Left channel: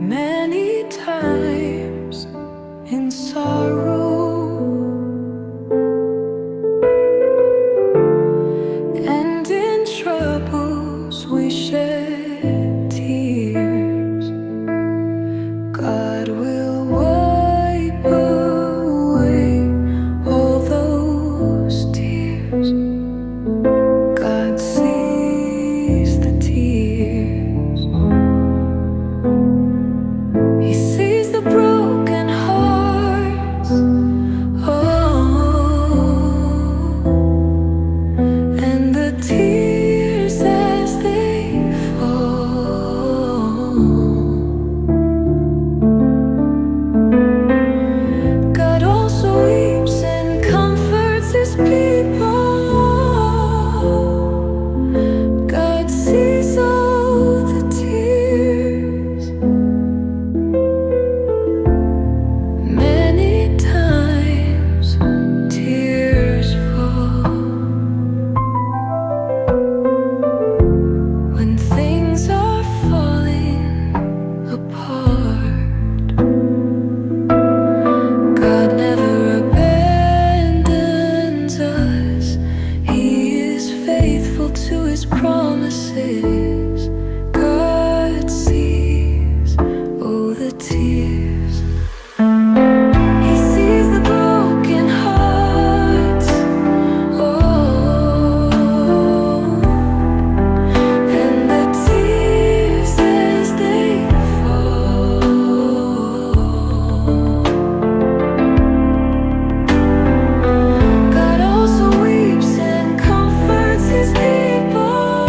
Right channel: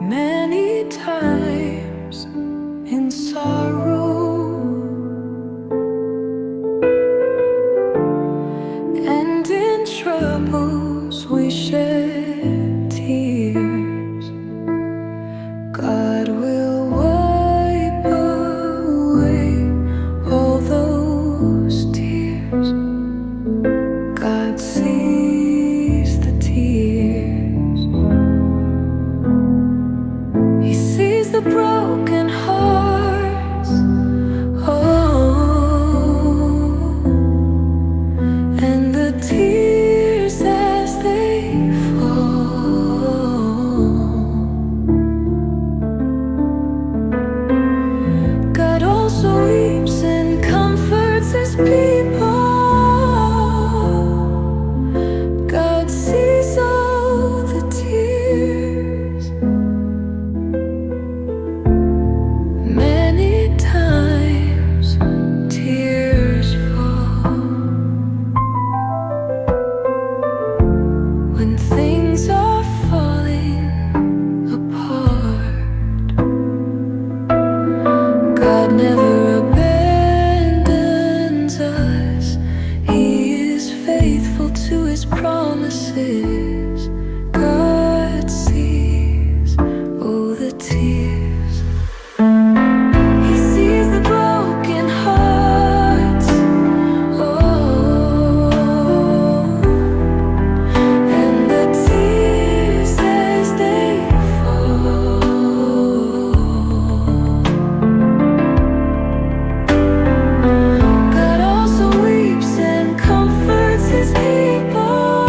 Many times in sorrow and in troubles we shed tears. God will wipe away all those tears. God sees the tears. He sees the broken hearts, oh, and the tears as they fall. God also weeps and comforts His people. God sees all the tears. Many times tears fall when things are falling apart. God never abandons us. He is faithful to His promises. God sees all the tears. He sees the broken hearts, oh, and the tears as they fall. God also weeps and comforts His people.